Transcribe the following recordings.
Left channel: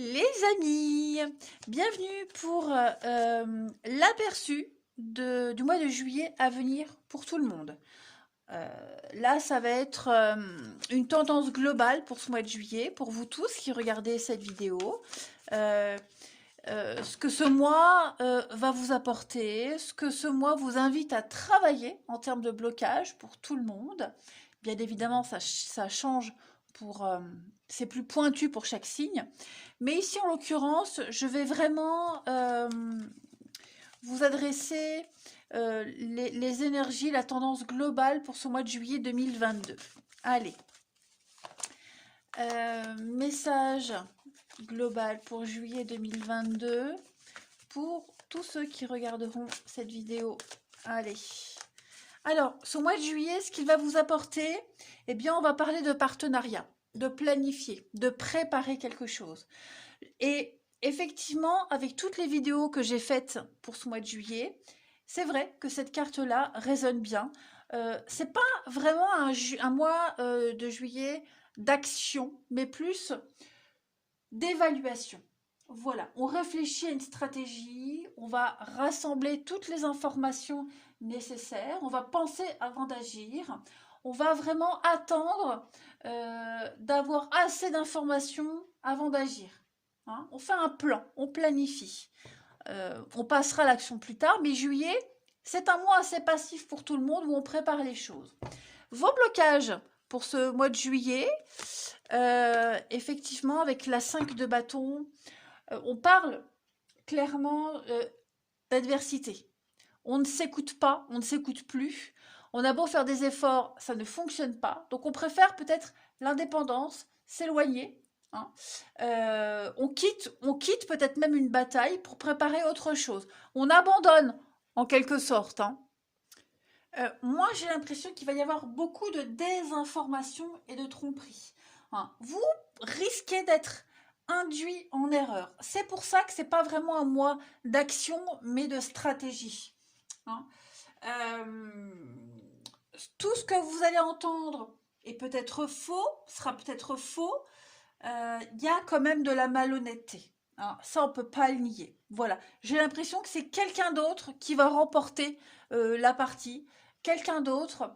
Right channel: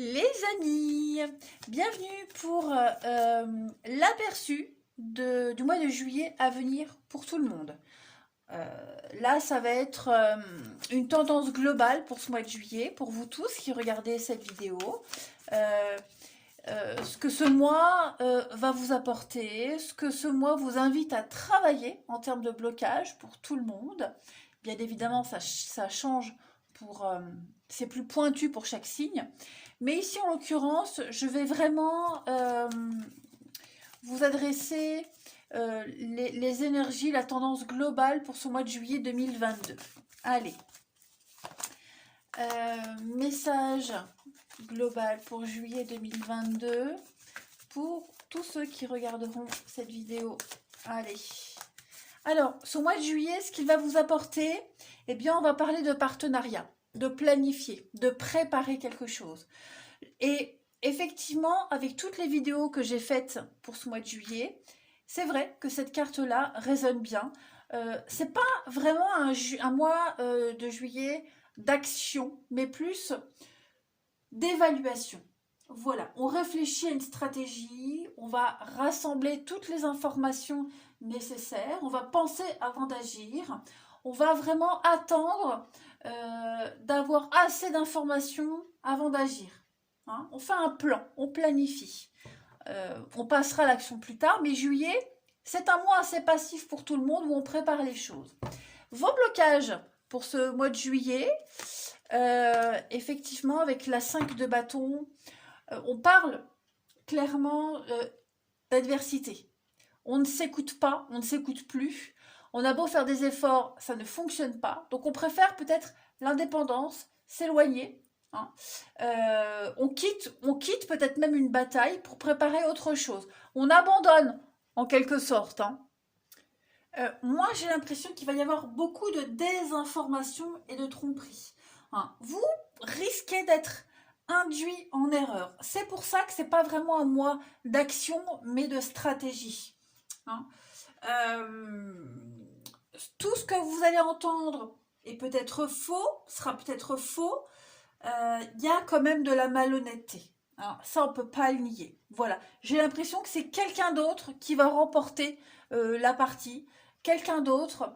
Les amis, bienvenue pour l'aperçu du mois de juillet à venir pour tout le monde. Là, ça va être une tendance globale pour ce mois de juillet, pour vous tous qui regardez cette vidéo. Euh, ce que ce mois va vous apporter, ce que ce mois vous invite à travailler en termes de blocage pour tout le monde. Bien évidemment, ça change pour... c'est plus pointu pour chaque signe. Mais ici, en l'occurrence, je vais vraiment vous adresser les énergies, la tendance globale pour ce mois de juillet 2022. Allez. Message global pour juillet 2022 pour tous ceux qui regarderont cette vidéo. Allez. Alors, ce mois de juillet, ce qu'il va vous apporter, eh bien, on va parler de partenariat, de planifier, de préparer quelque chose. Et effectivement, avec toutes les vidéos que j'ai faites pour ce mois de juillet, c'est vrai que cette carte-là résonne bien. C'est pas vraiment un mois de juillet d'action, mais plus d'évaluation. Voilà, on réfléchit à une stratégie, on va rassembler toutes les informations nécessaires, on va penser avant d'agir, on va vraiment attendre d'avoir assez d'informations avant d'agir. Hein, on fait un plan, on planifie. On passera à l'action plus tard, mais juillet, c'est un mois assez passif pour tout le monde où on prépare les choses. Vos blocages pour ce mois de juillet, effectivement, avec la 5 de bâton, on parle clairement d'adversité. On ne s'écoute pas, on ne s'écoute plus. On a beau faire des efforts, ça ne fonctionne pas. Donc on préfère peut-être l'indépendance, s'éloigner. Hein. On quitte peut-être même une bataille pour préparer autre chose. On abandonne en quelque sorte. Hein. Moi, j'ai l'impression qu'il va y avoir beaucoup de désinformation et de tromperie. Hein. Vous risquez d'être induit en erreur. C'est pour ça que c'est pas vraiment un mois d'action, mais de stratégie. Hein. Tout ce que vous allez entendre est peut-être faux, sera peut-être faux. Y a quand même de la malhonnêteté. Alors, ça, on ne peut pas le nier. Voilà. J'ai l'impression que c'est quelqu'un d'autre qui va remporter la partie. Quelqu'un d'autre.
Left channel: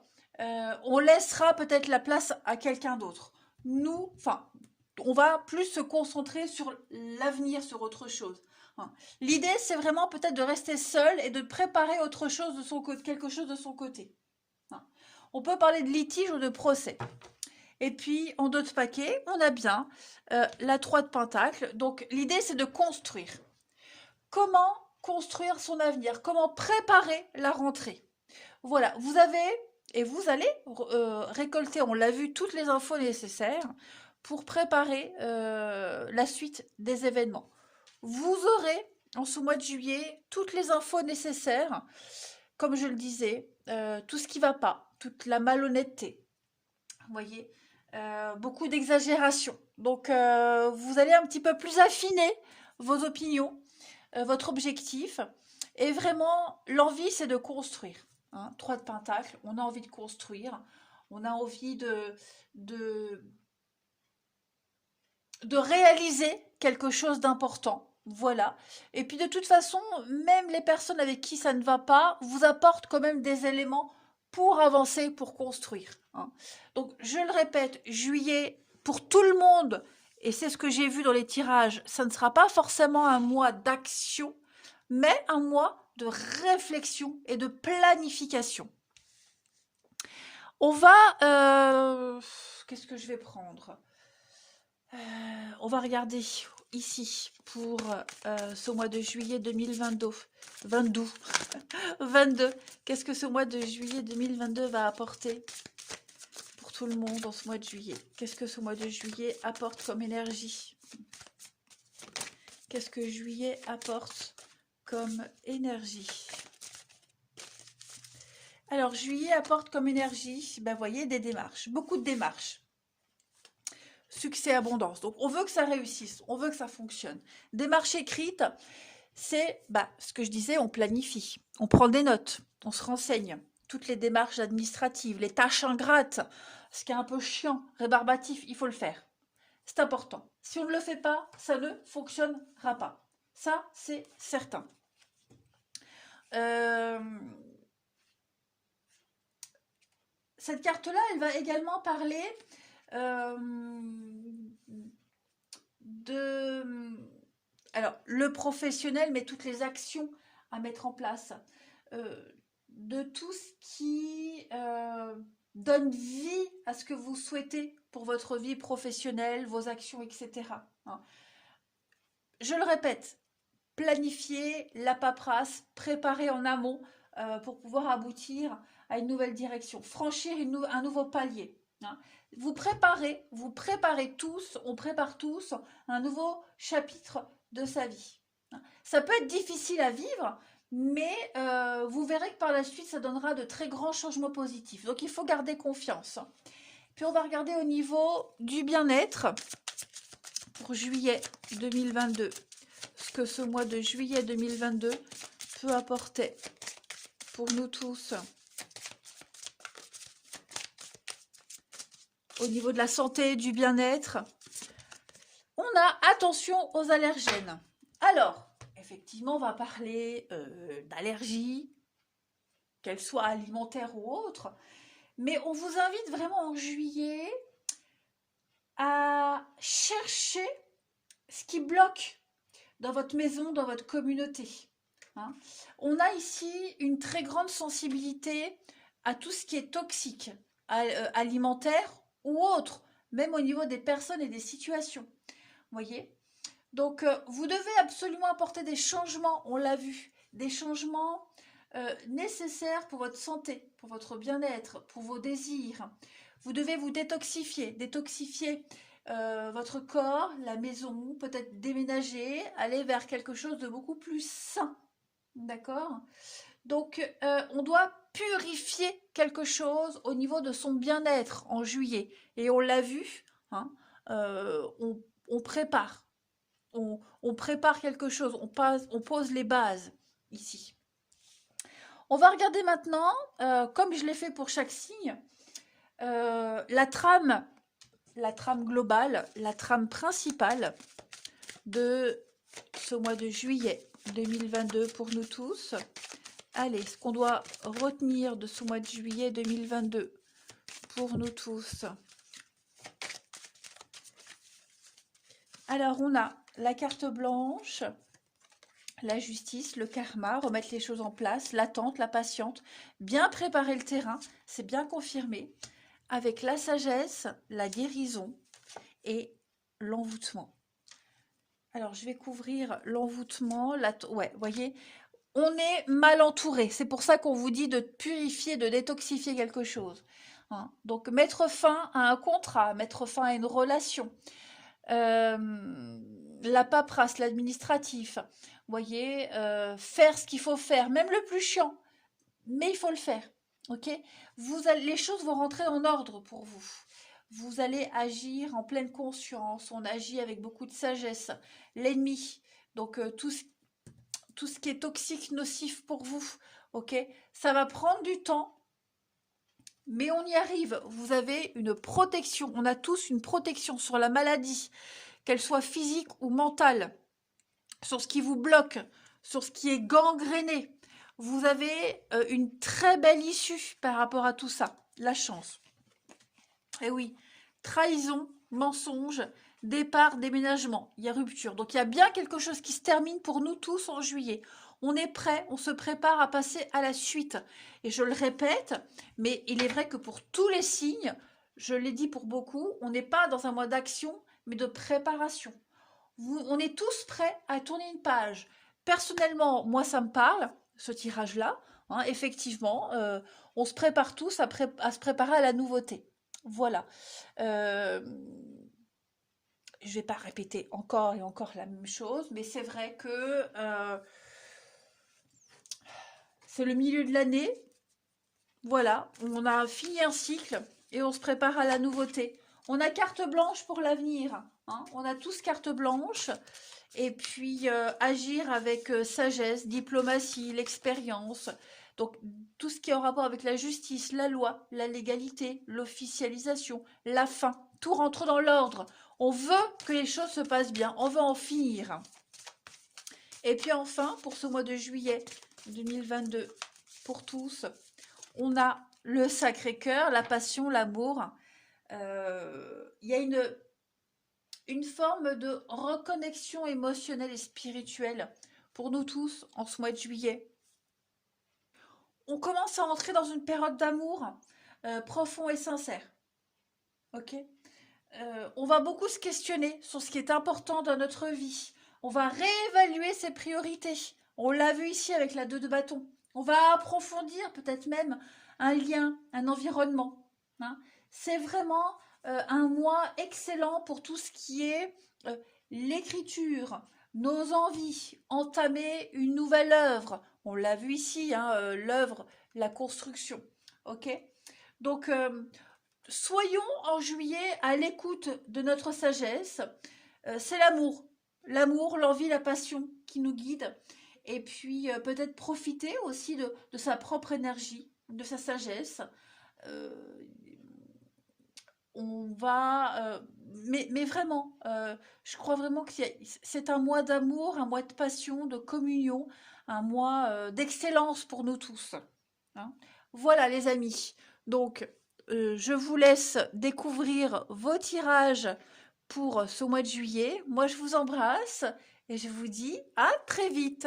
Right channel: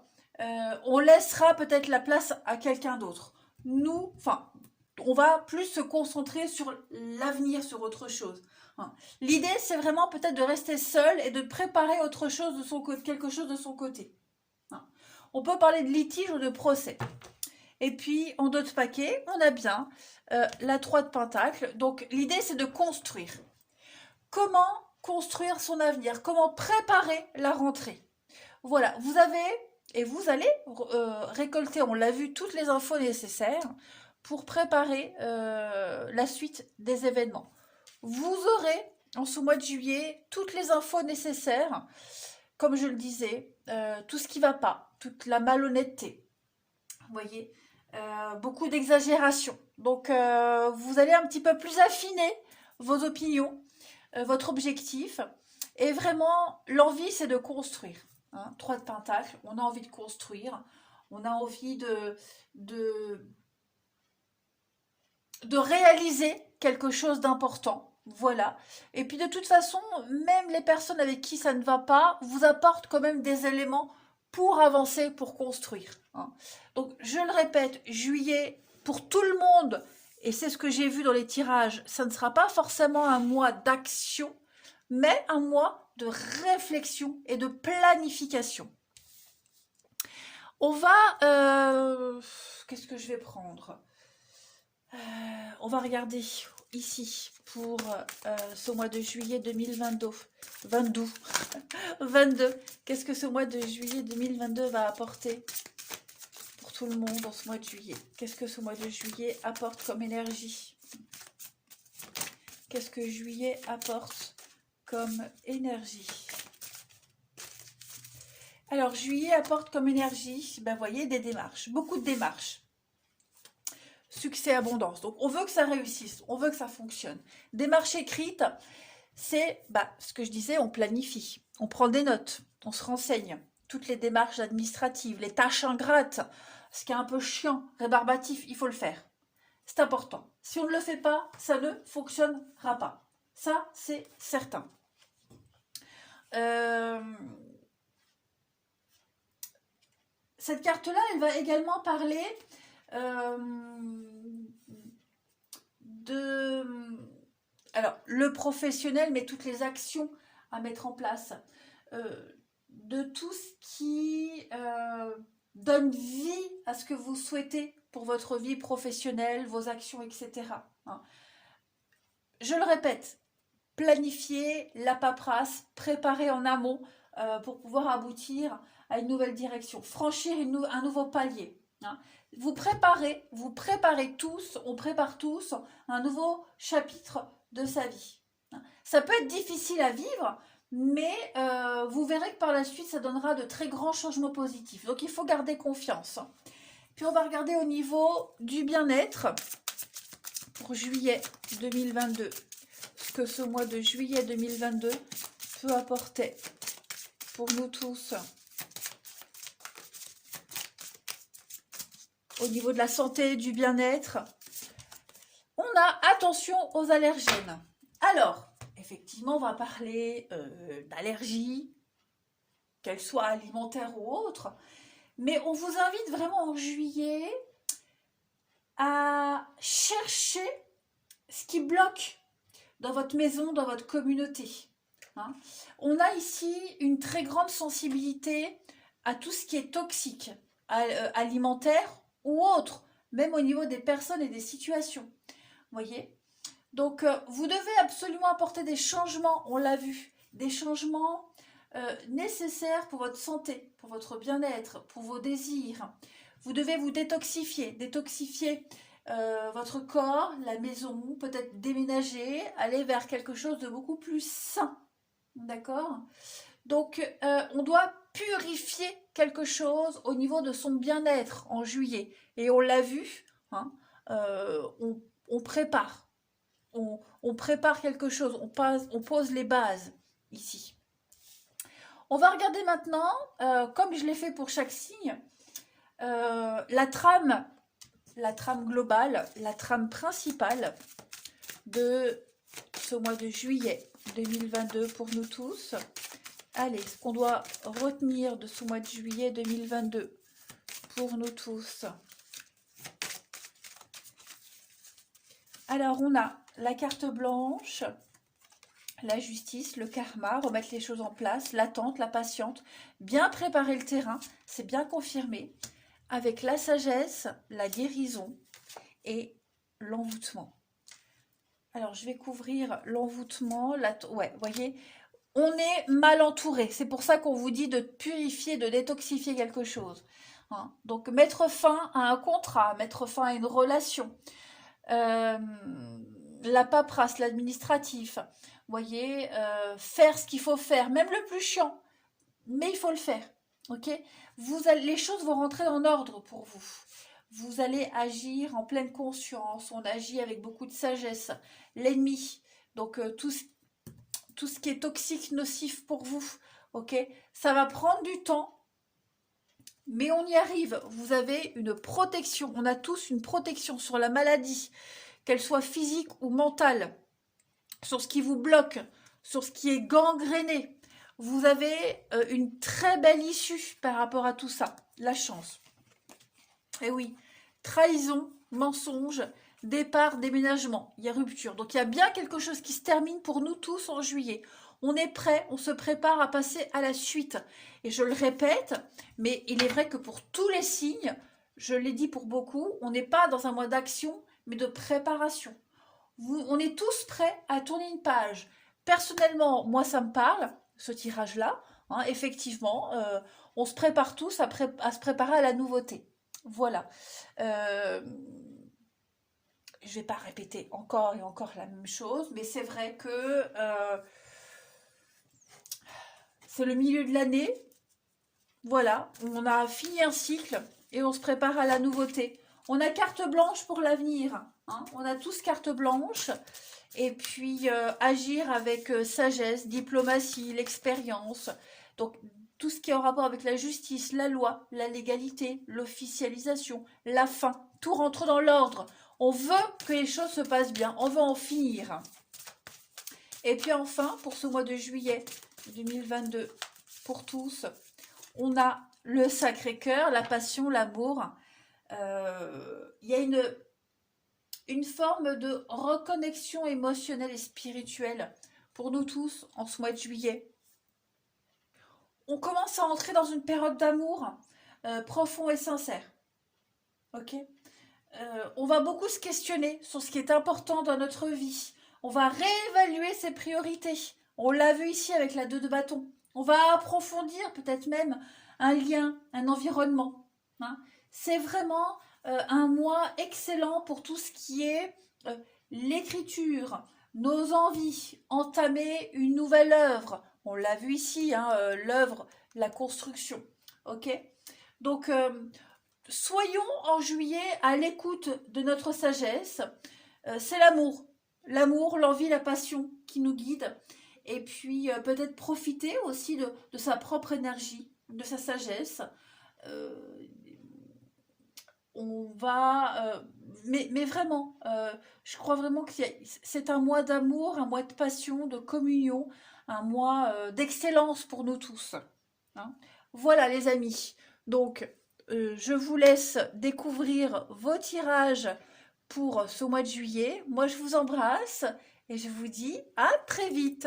On laissera peut-être la place à quelqu'un d'autre. Nous, enfin, on va plus se concentrer sur l'avenir, sur autre chose. Hein. L'idée, c'est vraiment peut-être de rester seul et de préparer autre chose de son côté, quelque chose de son côté. Hein. On peut parler de litige ou de procès. Et puis, en d'autres paquets, on a bien la 3 de Pentacle. Donc, l'idée, c'est de construire. Comment construire son avenir? Comment préparer la rentrée? Voilà, vous avez, et vous allez récolter, on l'a vu, toutes les infos nécessaires pour préparer la suite des événements. Vous aurez, en ce mois de juillet, toutes les infos nécessaires, comme je le disais, tout ce qui ne va pas, toute la malhonnêteté. Vous voyez, beaucoup d'exagération. Donc, vous allez un petit peu plus affiner vos opinions, votre objectif. Et vraiment, l'envie, c'est de construire. Hein, 3 de Pentacle, on a envie de construire. On a envie de réaliser quelque chose d'important. Voilà. Et puis, de toute façon, même les personnes avec qui ça ne va pas vous apportent quand même des éléments pour avancer, pour construire. Hein. Donc, je le répète, juillet, pour tout le monde, et c'est ce que j'ai vu dans les tirages, ça ne sera pas forcément un mois d'action, mais un mois de réflexion et de planification. On va... qu'est-ce que je vais prendre? On va regarder ici pour ce mois de juillet 2022. 22. Qu'est-ce que ce mois de juillet 2022 va apporter pour tout le monde dans ce mois de juillet? Qu'est-ce que ce mois de juillet apporte comme énergie? Qu'est-ce que juillet apporte comme énergie? Alors, juillet apporte comme énergie, ben, vous voyez, des démarches, beaucoup de démarches. Succès, abondance. Donc, on veut que ça réussisse, on veut que ça fonctionne. Démarche écrite, c'est ce que je disais, on planifie, on prend des notes, on se renseigne. Toutes les démarches administratives, les tâches ingrates, ce qui est un peu chiant, rébarbatif, il faut le faire. C'est important. Si on ne le fait pas, ça ne fonctionnera pas. Ça, c'est certain. Cette carte-là, elle va également parler de... Alors, le professionnel, mais toutes les actions à mettre en place. De tout ce qui donne vie à ce que vous souhaitez pour votre vie professionnelle, vos actions, etc. Je le répète, planifier la paperasse, préparer en amont pour pouvoir aboutir à une nouvelle direction, franchir un nouveau palier. Vous préparez tous, on prépare tous un nouveau chapitre de sa vie. Ça peut être difficile à vivre, mais vous verrez que par la suite, ça donnera de très grands changements positifs. Donc, il faut garder confiance. Puis, on va regarder au niveau du bien-être pour juillet 2022. Ce que ce mois de juillet 2022 peut apporter pour nous tous. Au niveau de la santé, du bien-être, on a attention aux allergènes. Alors, effectivement, on va parler d'allergies, qu'elles soient alimentaires ou autres, mais on vous invite vraiment en juillet à chercher ce qui bloque dans votre maison, dans votre communauté. On a ici une très grande sensibilité à tout ce qui est toxique, alimentaire ou autre, même au niveau des personnes et des situations. Voyez ? Donc, vous devez absolument apporter des changements, on l'a vu, des changements nécessaires pour votre santé, pour votre bien-être, pour vos désirs. Vous devez vous détoxifier votre corps, la maison, peut-être déménager, aller vers quelque chose de beaucoup plus sain. D'accord ? Donc, on doit purifier quelque chose au niveau de son bien-être en juillet. Et on l'a vu, on prépare. On prépare quelque chose, on pose les bases ici. On va regarder maintenant, comme je l'ai fait pour chaque signe, la trame globale, la trame principale de ce mois de juillet 2022 pour nous tous. Allez, ce qu'on doit retenir de ce mois de juillet 2022 pour nous tous. Alors, on a la carte blanche, la justice, le karma, remettre les choses en place, l'attente, la patience, bien préparer le terrain, c'est bien confirmé, avec la sagesse, la guérison et l'envoûtement. Alors, je vais couvrir l'envoûtement. Ouais, voyez, on est mal entouré. C'est pour ça qu'on vous dit de purifier, de détoxifier quelque chose. Donc, mettre fin à un contrat, mettre fin à une relation. La paperasse, l'administratif. Voyez, faire ce qu'il faut faire, même le plus chiant. Mais il faut le faire. Ok ? Les choses vont rentrer en ordre pour vous. Vous allez agir en pleine conscience. On agit avec beaucoup de sagesse. L'ennemi, donc tout ce qui est toxique, nocif pour vous, ok ? Ça va prendre du temps, mais on y arrive. Vous avez une protection. On a tous une protection sur la maladie, qu'elle soit physique ou mentale, sur ce qui vous bloque, sur ce qui est gangréné. Vous avez une très belle issue par rapport à tout ça. La chance. Et oui, trahison, mensonge, départ, déménagement, il y a rupture. Donc il y a bien quelque chose qui se termine pour nous tous en juillet. On est prêt, on se prépare à passer à la suite. Et je le répète, mais il est vrai que pour tous les signes, je l'ai dit pour beaucoup, on n'est pas dans un mois d'action, mais de préparation. On est tous prêts à tourner une page. Personnellement, moi ça me parle, ce tirage-là. Effectivement, on se prépare tous à se préparer à la nouveauté. Voilà. Je ne vais pas répéter encore et encore la même chose, mais c'est vrai que c'est le milieu de l'année. Voilà, on a fini un cycle et on se prépare à la nouveauté. On a carte blanche pour l'avenir. On a tous carte blanche. Et puis agir avec sagesse, diplomatie, l'expérience. Donc tout ce qui est en rapport avec la justice, la loi, la légalité, l'officialisation, la fin. Tout rentre dans l'ordre. On veut que les choses se passent bien. On veut en finir. Et puis enfin, pour ce mois de juillet 2022, pour tous, on a le Sacré-Cœur, la passion, l'amour. Il y a une forme de reconnexion émotionnelle et spirituelle pour nous tous en ce mois de juillet. On commence à entrer dans une période d'amour profond et sincère. Ok. On va beaucoup se questionner sur ce qui est important dans notre vie. On va réévaluer ses priorités. On l'a vu ici avec la 2 de bâton. On va approfondir peut-être même un lien, un environnement. Hein. C'est vraiment un mois excellent pour tout ce qui est l'écriture, nos envies, entamer une nouvelle œuvre. On l'a vu ici, hein, l'œuvre, la construction. Ok. Donc, soyons en juillet à l'écoute de notre sagesse. C'est l'amour. L'amour, l'envie, la passion qui nous guide. Et puis peut-être profiter aussi de sa propre énergie, de sa sagesse. On va... mais vraiment, je crois vraiment que c'est un mois d'amour, un mois de passion, de communion, un mois d'excellence pour nous tous. Hein. Voilà les amis. Donc, je vous laisse découvrir vos tirages pour ce mois de juillet. Moi, je vous embrasse et je vous dis à très vite.